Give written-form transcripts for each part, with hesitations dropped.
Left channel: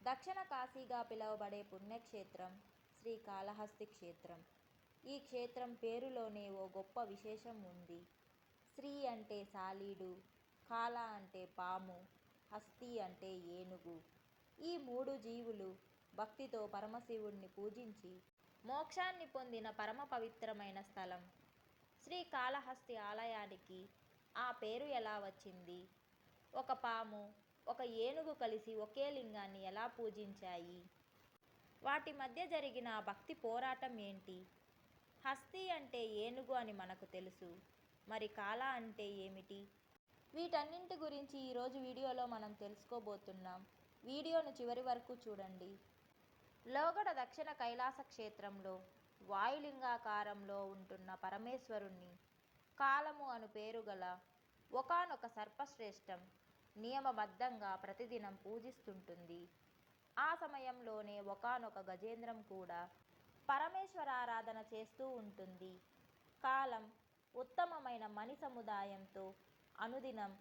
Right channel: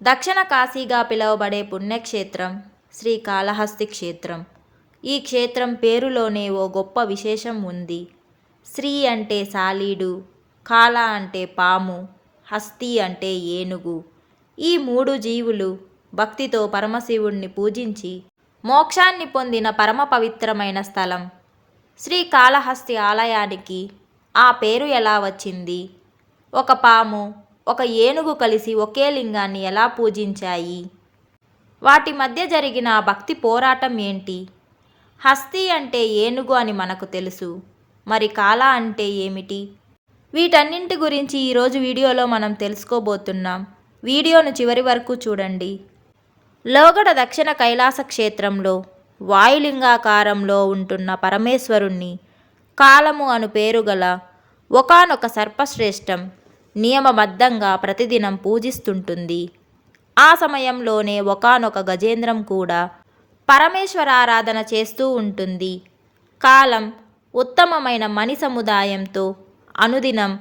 దక్షిణ కాశీగా పిలువబడే పుణ్యక్షేత్రం శ్రీకాళహస్తి క్షేత్రం. ఈ క్షేత్రం పేరులోనే ఓ గొప్ప విశేషం ఉంది. శ్రీ అంటే సాలీడు, కాళ అంటే పాము, హస్తి అంటే ఏనుగు. ఈ మూడు జీవులు భక్తితో పరమశివుణ్ణి పూజించి మోక్షాన్ని పొందిన పరమ పవిత్రమైన స్థలం. శ్రీకాళహస్తి ఆలయానికి ఆ పేరు ఎలా వచ్చింది? ఒక పాము, ఒక ఏనుగు కలిసి ఒకే లింగాన్ని ఎలా పూజించాయి? వాటి మధ్య జరిగిన ఆ భక్తి పోరాటం ఏంటి? హస్తి అంటే ఏనుగు అని మనకు తెలుసు, మరి కాళ అంటే ఏమిటి? వీటన్నింటి గురించి ఈరోజు వీడియోలో మనం తెలుసుకోబోతున్నాం. వీడియోను చివరి వరకు చూడండి. లోగడ దక్షిణ కైలాస క్షేత్రంలో వాయులింగాకారంలో ఉంటున్న పరమేశ్వరుణ్ణి కాలము అను పేరుగల ఒకానొక సర్పశ్రేష్టం నియమబద్ధంగా ప్రతిదినం పూజిస్తుంటుంది. ఆ సమయంలోనే ఒకానొక గజేంద్రం కూడా పరమేశ్వరారాధన చేస్తూ ఉంటుంది. కాలం ఉత్తమమైన మణి సముదాయంతో అనుదినం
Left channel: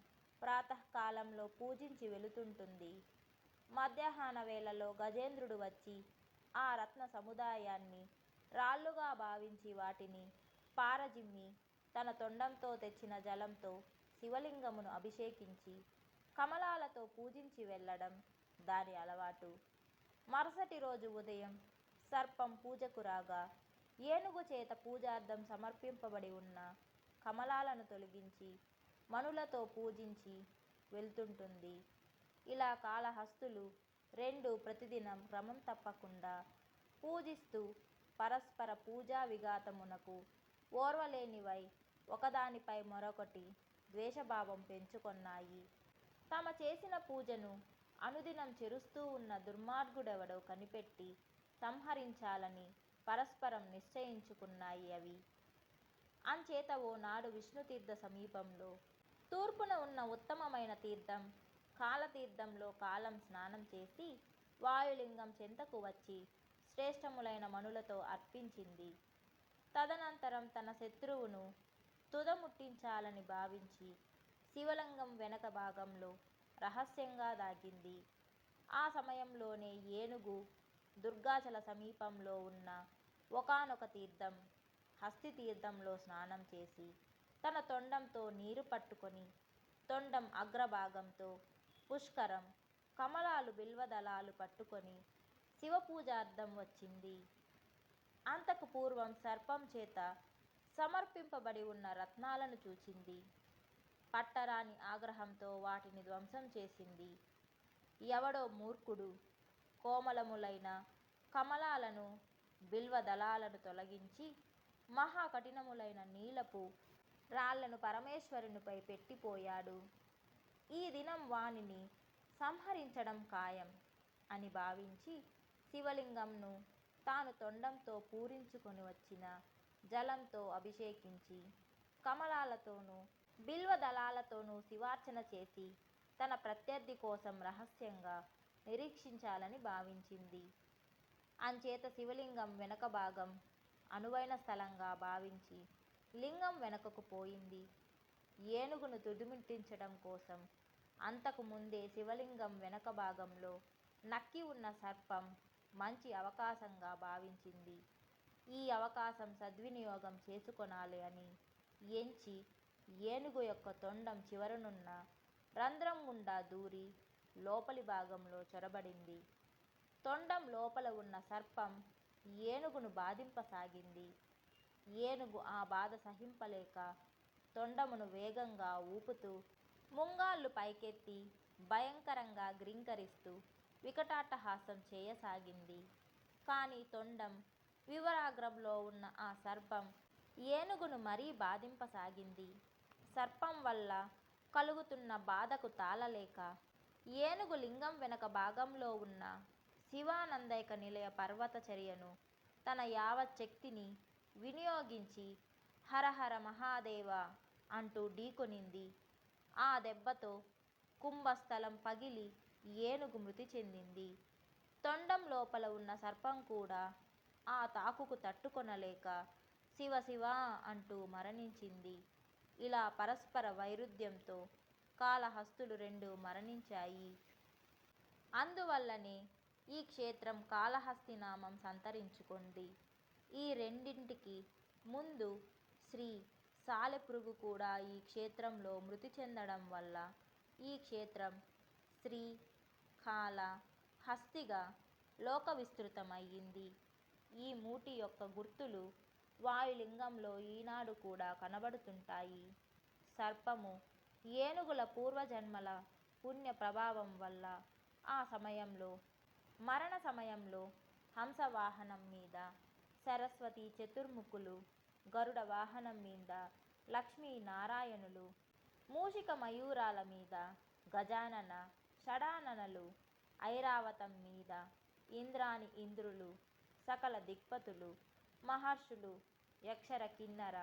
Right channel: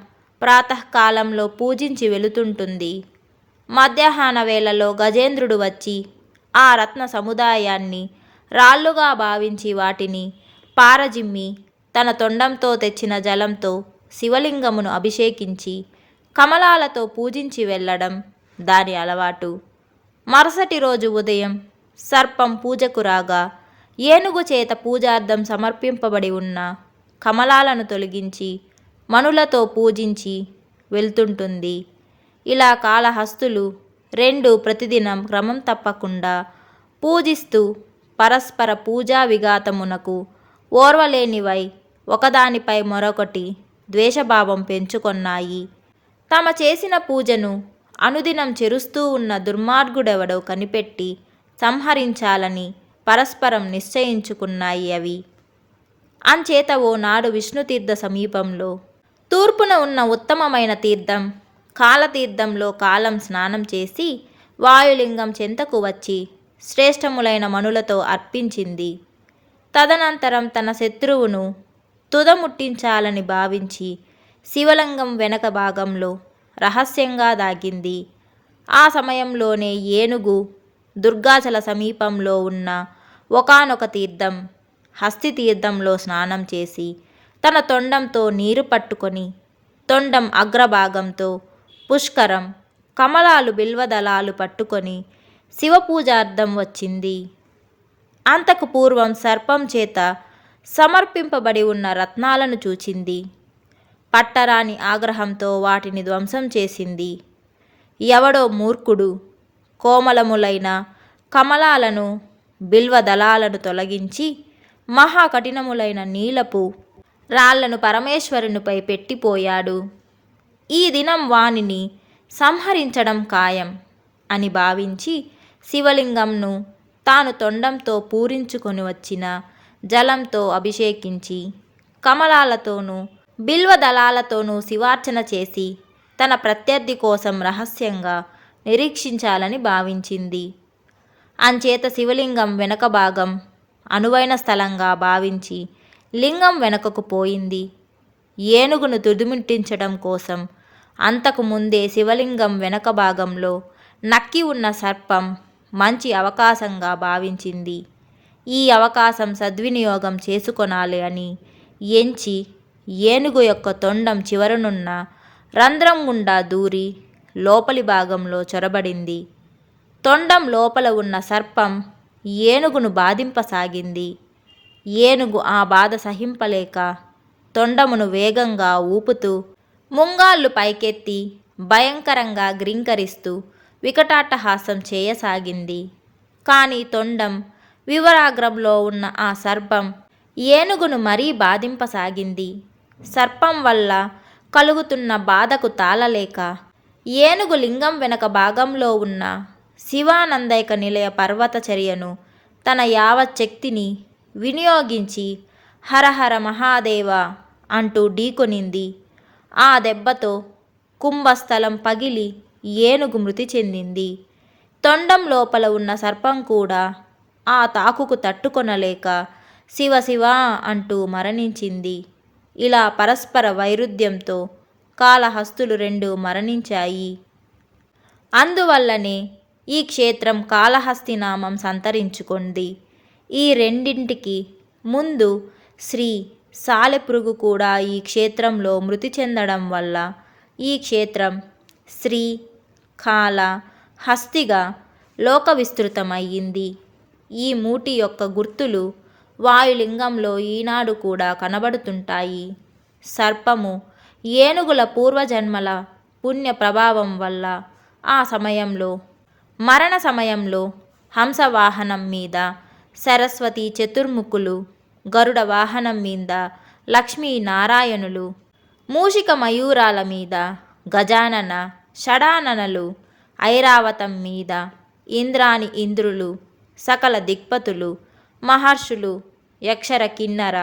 ప్రాతకాలంలో పూజించి వెళుతుంటుంది. మధ్యాహ్న వేళలో గజేంద్రుడు వచ్చి ఆ రత్న సముదాయాన్ని రాళ్లుగా భావించి వాటిని పారజిమ్మి తన తొండంతో తెచ్చిన జలంతో శివలింగమును అభిషేకించి కమలాలతో పూజించి వెళ్ళడం దాని అలవాటు. మరుసటి రోజు ఉదయం సర్పం పూజకు రాగా ఏనుగు చేత పూజార్థం సమర్పింపబడి ఉన్న కమలాలను తొలగించి మనులతో పూజించి వెళ్తుంటుంది. ఇలా కాళహస్తులు రెండు ప్రతిదినం క్రమం తప్పకుండా పూజిస్తూ పరస్పర పూజా విఘాతమునకు ఓర్వలేనివై ఒకదానిపై మరొకటి ద్వేషభావం పెంచుకొన్నాయి. తమ చేసిన పూజను అనుదినం చెరుస్తూ ఉన్న దుర్మార్గుడెవడో కనిపెట్టి సంహరించాలని పరస్పరం నిశ్చయించుకున్నాయి అవి. అంచేత ఓనాడు విష్ణుతీర్థ సమీపంలో తూర్పున ఉన్న ఉత్తమమైన తీర్థం కాలతీర్థంలో కాలం స్నానం చేసి వాయులింగం చెంతకు వచ్చి శ్రేష్టములైన మనులతో అర్పించింది. తదనంతరం తన శత్రువును తుదముట్టించాలని భావించి శివలింగం వెనక భాగంలో రహస్యంగా దాగింది. ఆ సమయంలోనే ఏనుగు దుర్గాచల సమీపంలో ఉన్న ఒకానొక తీర్థం హస్తి తీర్థంలో స్నానం చేసి తన తొండంతో నీరు పట్టుకొని తొండం అగ్రభాగంతో పుష్కరం కమలాలు బిల్వదళాలు పట్టుకొని శివపూజార్థం వచ్చింది. అంతకు పూర్వం సర్పం చేత సమర్పింపబడి ఉన్న రత్నాలను చూచింది. పట్టరాని ఆగ్రహంతో వాటిని ధ్వంసం చేసింది. ఎవడో మూర్ఖుడు కోమలములైన కమలాలను బిల్వదళాలను తొలగించి మహాకఠినములైన నీలపు రాళ్లను పరమేశ్వరునిపై పెట్టిపోయాడు. ఈ దినం వానిని సంహరించడం ఖాయం అని భావించి శివలింగంను తాను తొండంతో పూరించుకొని వచ్చిన జలంతో అభిషేకించి కమలాలతోనూ బిల్వదళాలతోనూ శివార్చన చేసి తన ప్రత్యర్థి కోసం రహస్యంగా నిరీక్షించాలని భావించింది. అంచేత శివలింగం వెనక భాగం అనువైన స్థలంగా భావించి లింగం వెనుకకు పోయింది. ఏనుగును తుదిముట్టించడం కోసం అంతకు ముందే శివలింగం వెనక భాగంలో నక్కి ఉన్న సర్పం మంచి అవకాశంగా భావించింది. ఈ అవకాశం సద్వినియోగం చేసుకొనాలి అని ఎంచి ఏనుగు యొక్క తొండం చివరనున్న రంధ్రం గుండా దూరి లోపలి భాగంలో చొరబడింది. తొండం లోపల ఉన్న సర్పం ఏనుగును బాధింపసాగింది. ఏనుగు ఆ బాధ సహింపలేక తొండమును వేగంగా ఊపుతూ ముంగాళ్ళు పైకెత్తి భయంకరంగా గ్రీంకరిస్తూ వికటాట్టహాసం చేయసాగింది. కానీ తొండం వివరాగ్రంలో ఉన్న ఆ సర్పం ఏనుగును మరీ బాధింపసాగింది. సర్పం వల్ల కలుగుతున్న బాధకు తాళలేక ఏనుగు లింగం వెనక భాగంలో ఉన్న శివానందైక నిలయ పర్వతచర్యను తన యావచ్చక్తిని వినియోగించి హరహర మహాదేవ అంటూ ఢీకొనింది. ఆ దెబ్బతో కుంభస్థలం పగిలి ఏనుగు మృతి చెందింది. తొండం లోపల ఉన్న సర్పం కూడా ఆ తాకుకు తట్టుకొనలేక శివ శివ అంటూ మరణించింది. ఇలా పరస్పర వైరుధ్యంతో కాళహస్తులు రెండు మరణించాయి. అందువల్లనే ఈ క్షేత్రం కాళహస్తి నామం సంతరించుకుంది. ఈ రెండింటికి ముందు శ్రీ సాలెపురుగు కూడా ఈ క్షేత్రంలో మృతి చెందడం వల్ల ఈ క్షేత్రం శ్రీ కాళ హస్తిగా లోక విస్తృతమయ్యింది. ఈ మూటి యొక్క గుర్తులు వాయులింగంలో ఈనాడు కూడా కనబడుతుంటాయి. సర్పము ఏనుగుల పూర్వజన్మల పుణ్య ప్రభావం వల్ల ఆ సమయంలో మరణ సమయంలో హంసవాహనం మీద సరస్వతి చతుర్ముఖులు, గరుడ వాహనం మీద లక్ష్మీనారాయణులు, మూషిక మయూరాల మీద గజానన షడాననలు, ఐరావతం మీద ఇంద్రాని ఇంద్రులు, సకల దిక్పతులు, మహర్షులు, యక్షర కిన్నర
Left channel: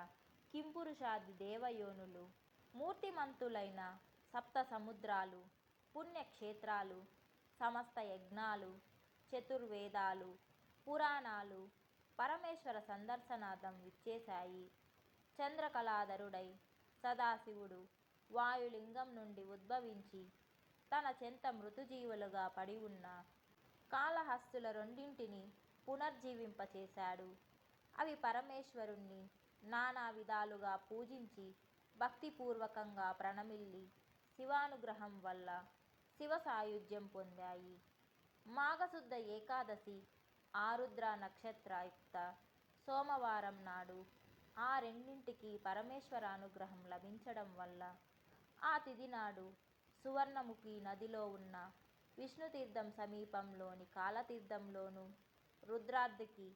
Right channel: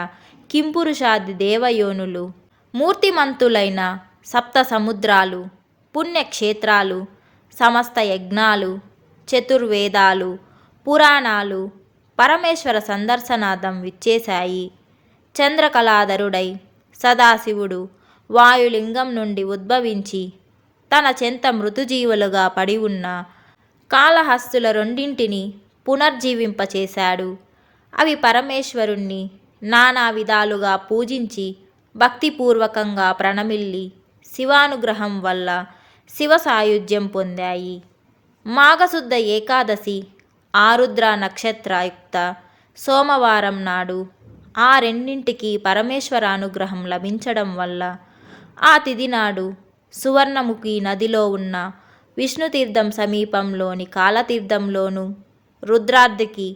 కింపురుషాది దేవయోనులు, మూర్తిమంతులైన సప్త సముద్రాలు, పుణ్యక్షేత్రాలు, సమస్త యజ్ఞాలు, చతుర్వేదాలు, పురాణాలు పరమేశ్వర సందర్శనార్థం విచ్చేశాయి. చంద్రకళాధరుడై సదాశివుడు వాయులింగం నుండి ఉద్భవించి తన చెంత మృతుజీవులుగా పడి ఉన్న కాళహస్తుల రెండింటిని పునర్జీవింపచేశాడు. అవి పరమేశ్వరుణ్ణి నానా విధాలుగా పూజించి భక్తిపూర్వకంగా ప్రణమిల్లి శివానుగ్రహం వల్ల శివ సాయుధ్యం పొందాయి. మాఘశుద్ధ ఏకాదశి ఆరుద్ర నక్షత్రయుక్త సోమవారం నాడు ఆ రెండింటికి పరమేశ్వర అనుగ్రహం లభించడం వల్ల ఆ తిథి నాడు సువర్ణముఖి నదిలో ఉన్న విష్ణుతీర్థం సమీపంలోని కాలతీర్థంలోను, రుద్రార్ధికి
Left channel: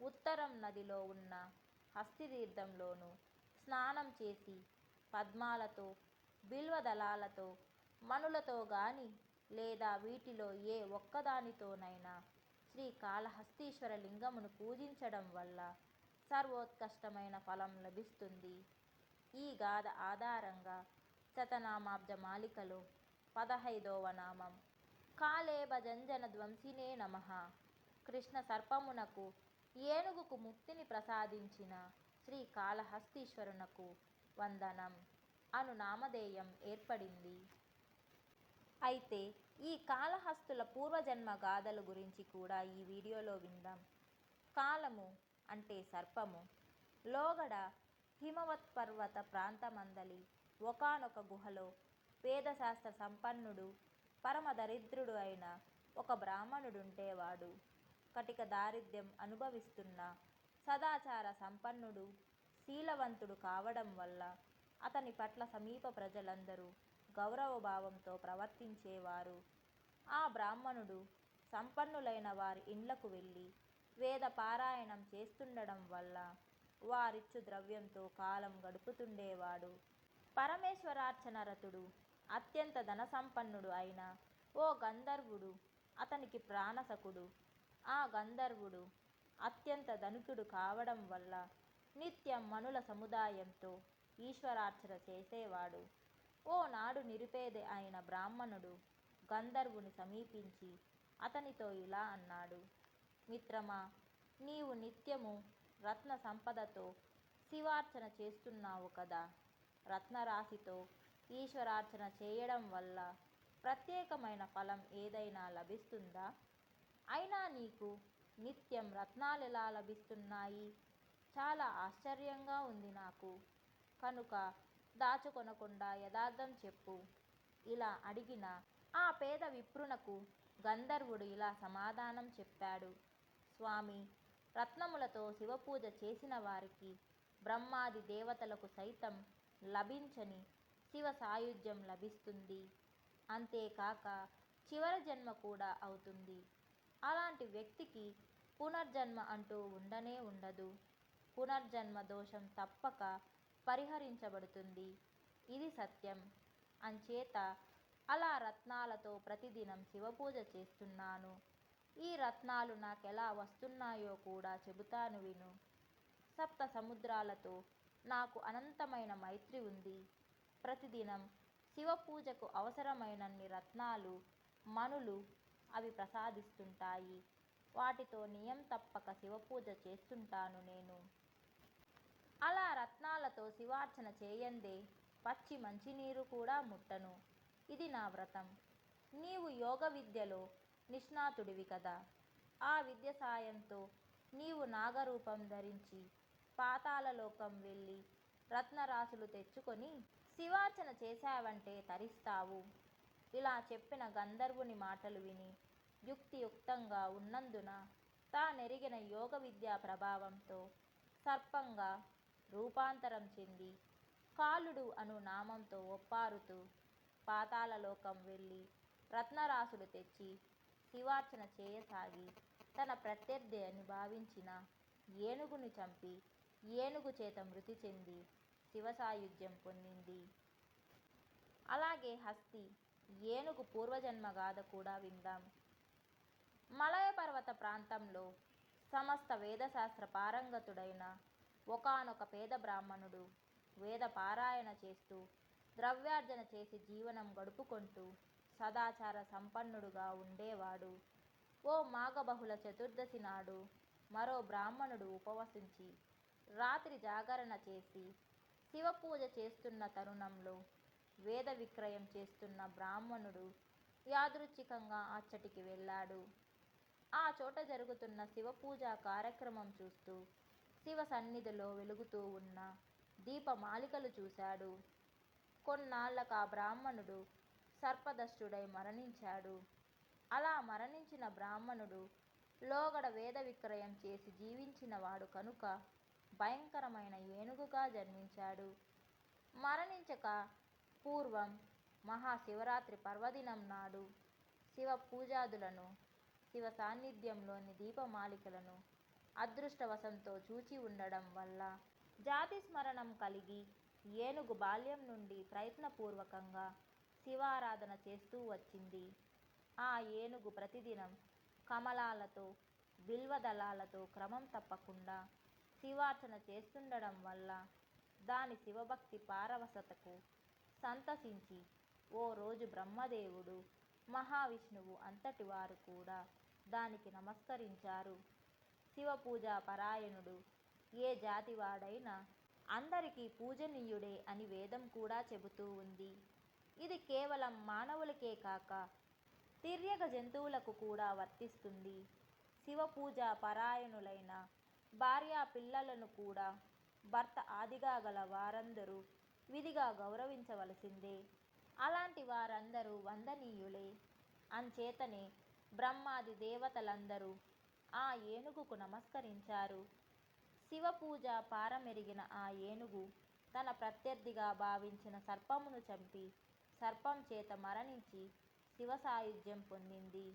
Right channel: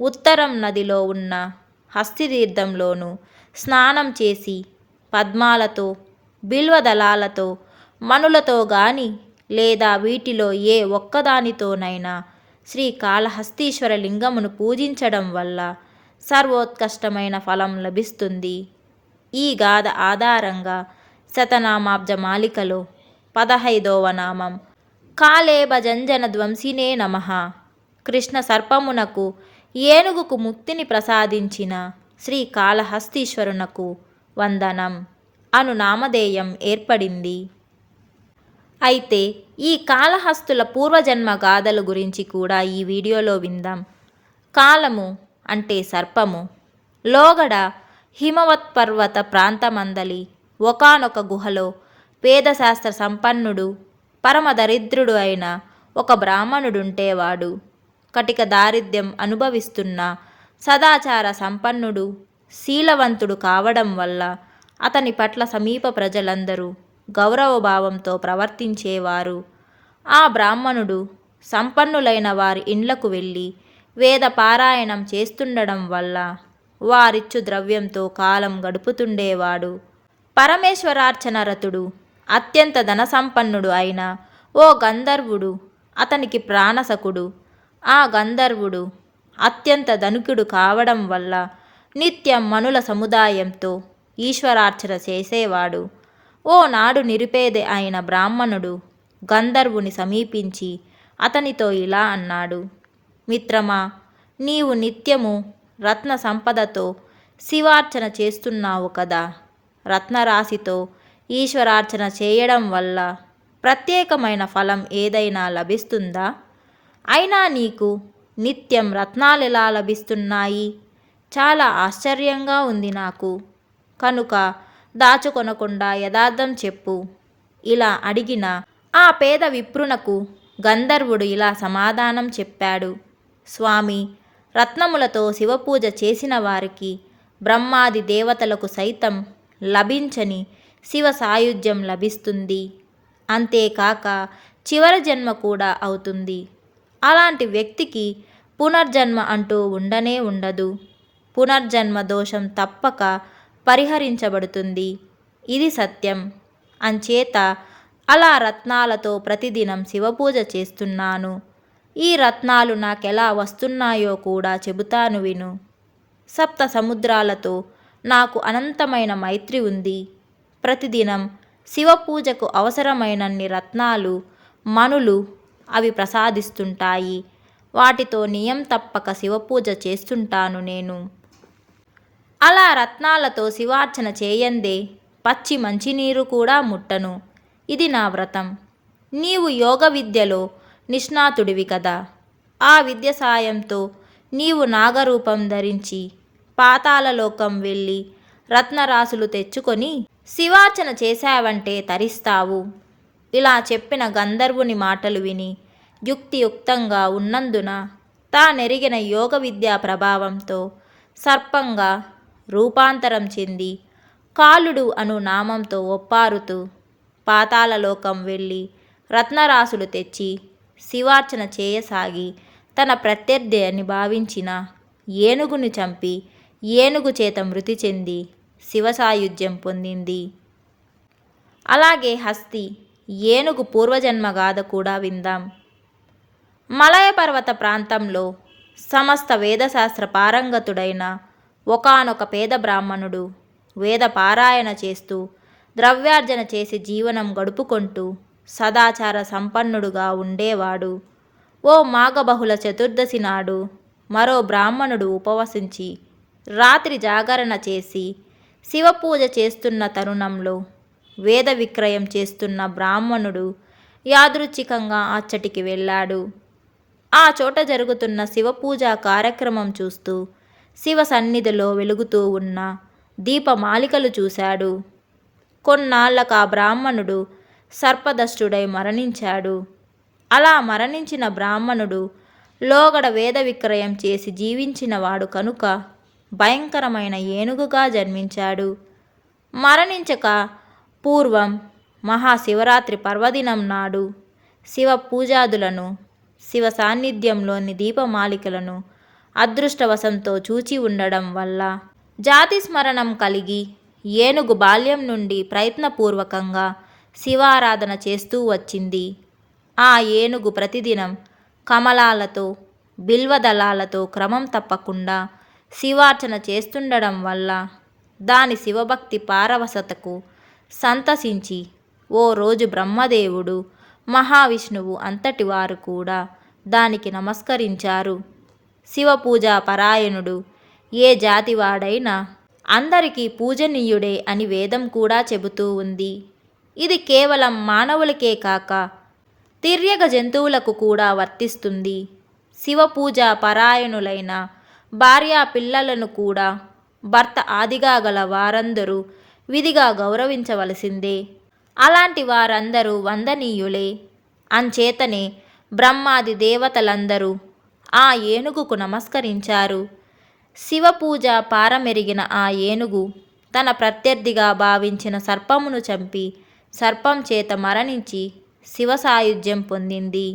ఉత్తరం నదిలో ఉన్న హస్తితీర్థంలోను స్నానం చేసి పద్మాలతో, బిల్వదళాలతో, మణులతో గాని లేదా వీటిలో ఏ ఒక్కదానితోనైనా శ్రీ కాళహస్తీశ్వర లింగమును పూజించడం వల్ల సర్వోత్కష్టమైన ఫలం లభిస్తుంది. ఈ గాథ ఆధారంగా శతనామాబ్జ మాలికలో 15వ నామం కాళేభజంజన ధ్వంసినే నమః. కృష్ణ సర్పమునకు ఏనుగుకు ముక్తిని ప్రసాదించిన శ్రీ కాళహస్తీశ్వరునకు వందనం అను నామధేయం ఏర్పడింది. అయితే ఈ కాళహస్తుల పూర్వజన్మ గాథల గురించి కూడా ఈ వీడియోలో విందాం. కాలము అంటే సర్పము లోగడ హిమవత్పర్వత ప్రాంతమందలి ఒకానొక గుహలో వేదశాస్త్ర సంపన్నుడు పరమ దరిద్రుడు అయిన ఒక బ్రాహ్మణుడుంటేవాడు. కటిక దారిద్ర్యం అనుభవిస్తున్న సదాచార సంపన్నుడు, శీలవంతుడు కావడం వల్ల అతని పట్ల సమీప ప్రజలందరూ గౌరవభావంతో ప్రవర్తించేవారు. ఆ బ్రాహ్మణుడు సంపన్నులైన వారి ఇండ్లకు వెళ్ళి వేద పారాయణం చేస్తుండడం వల్ల వారిచ్చు ద్రవ్యంతో కాలం గడుపుతుండేవాడు. పరమేశ్వరార్చన రతుడు, అత్యంత ధనసంపన్నుడు అయిన ఓ గంధర్వుడు అతనికి ప్రాణసకుడు. ఆ గంధర్వుడు అత్యంత ధనికుడు కావడం వల్ల నిత్యం మనుల సముదాయంతో ఈశ్వరార్చన చేసేవాడు. ఓ నాడు నిరుపేద అయిన బ్రాహ్మణుడు గంధర్వుని సమీపించి అతనితో ఇలా అన్నాడు: మిత్రమా, నీవు నిత్యము రత్న సంపదతో శివార్చన చేస్తున్నావు కదా. రత్నరాశితో ఈశ్వరార్చన చేయడం వల్ల ప్రత్యేకమైన ఫలం ఏదైనా లభిస్తుందా? అయినా నీకు నిత్యం రత్నాలెలా లభిస్తున్నాయి? చాలా ఆశ్చర్యంగా ఉంది నాకు. కనుక దాచుకొనకుండా యథార్థం చెప్పు. ఇలా అడిగిన ఆ పేద విప్రునకు గంధర్వుడు ఇలా సమాధానం చెప్పాడు: స్వామి, రత్నములతో శివపూజ చేసిన వారికి బ్రహ్మాది దేవతలకు సైతం లభించని శివ సాయుధ్యం లభిస్తుంది. అంతేకాక చివరి జన్మ కూడా అవుతుంది. అలాంటి వ్యక్తికి పునర్జన్మ అంటూ ఉండనే ఉండదు. పునర్జన్మ దోషం తప్పక పరిహరించబడుతుంది. ఇది సత్యం. అంచేత అలా రత్నాలతో ప్రతిదినం శివపూజ చేస్తున్నాను. ఈ రత్నాలు నాకెలా వస్తున్నాయో కూడా చెబుతాను విను. సప్త సముద్రాలతో నాకు అనంతమైన మైత్రి ఉంది. ప్రతిదినం శివపూజకు అవసరమైనన్ని రత్నాలు, మణులు అవి ప్రసాదిస్తుంటాయి. వాటితో నియం తప్పక శివపూజ చేస్తుంటాను నేను. అలా రత్నాలతో శివార్చన చేయందే పచ్చి మంచినీరు కూడా ముట్టను. ఇది నా వ్రతం. నీవు యోగ విద్యలో నిష్ణాతుడివి కదా. ఆ విద్య సాయంతో నీవు నాగరూపం ధరించి పాతాళలోకం వెళ్ళి రత్నరాసులు తెచ్చుకొని శివార్చన చేశావంటే తరిస్తావు. ఇలా చెప్పిన గంధర్వుని మాటలు విని యుక్తియుక్తంగా ఉన్నందున తానెరిగిన యోగ విద్యా ప్రభావంతో సర్పంగా రూపాంతరం చెంది కాలుడు అను నామంతో ఒప్పారుతూ పాతాళలోకం వెళ్ళి రత్నరాసులు తెచ్చి శివార్చన చేయసాగి తన ప్రత్యర్థి అని భావించిన ఏనుగుని చంపి ఏనుగు చేత మృతి చెంది శివసాయుధ్యం పొందింది. అలాగే హస్తి ఏనుగు పూర్వజన్మ గాథ కూడా విందాం. మలయ పర్వత ప్రాంతంలో సమస్త వేదశాస్త్ర పారంగతుడైన ఒకానొక పేద బ్రాహ్మణుడు వేద పారాయణ చేస్తూ ద్రవ్యార్జన చేసి జీవనం గడుపుకుంటూ సదాచార సంపన్నుడుగా ఉండేవాడు. ఓ మాఘబహుళ చతుర్దశి నాడు మరో బ్రాహ్మణుడు ఉపవసించి రాత్రి జాగరణ చేసి శివపూజ చేస్తున్న తరుణంలో వేద విక్రయం చేస్తున్న బ్రాహ్మణుడు యాదృచ్ఛికంగా అచ్చటికి వెళ్ళాడు. ఆ చోట జరుగుతున్న శివపూజా కార్యక్రమం చూస్తూ శివ సన్నిధిలో వెలుగుతూ ఉన్న దీపమాలికలు చూశాడు. కొన్నాళ్లకు ఆ బ్రాహ్మణుడు సర్పదష్టుడై మరణించాడు. అలా మరణించిన బ్రాహ్మణుడు లోగడ వేద విక్రయం చేసి జీవించినవాడు కనుక భయంకరమైన ఏనుగుగా జన్మించాడు. మరణించక పూర్వం మహాశివరాత్రి పర్వదినం నాడు శివ పూజాదులను శివ సాన్నిధ్యంలోని దీపమాలికలను అదృష్టవశంతో చూచి ఉండడం వల్ల జాతి స్మరణం కలిగి ఏనుగు బాల్యం నుండి ప్రయత్నపూర్వకంగా శివారాధన చేస్తూ వచ్చింది. ఆ ఏనుగు ప్రతిదినం కమలాలతో బిల్వదళాలతో క్రమం తప్పకుండా శివార్చన చేస్తుండడం వల్ల దాని శివభక్తి పారవశతకు సంతసించి ఓ రోజు బ్రహ్మదేవుడు మహావిష్ణువు అంతటి వారు కూడా దానికి నమస్కరించారు. శివపూజా పరాయణుడు ఏ జాతివాడైనా అందరికీ పూజనీయుడే అని వేదం కూడా చెబుతూ ఉంది. ఇది కేవలం మానవులకే కాక తిర్యగ జంతువులకు కూడా వర్తిస్తుంది. శివపూజా పరాయణులైన భార్యా పిల్లలను కూడా భర్త ఆదిగా గల వారందరూ విధిగా గౌరవించవలసిందే. అలాంటి వారందరూ వందనీయులే. అంచేతనే బ్రహ్మాది దేవతలందరూ ఆ ఏనుగుకు నమస్కరించారు. శివపూజ పారమెరిగిన ఆ ఏనుగు తన ప్రత్యర్థిగా భావించిన సర్పమును చంపి సర్పం చేత మరణించి శివ సాయుధ్యం పొందింది.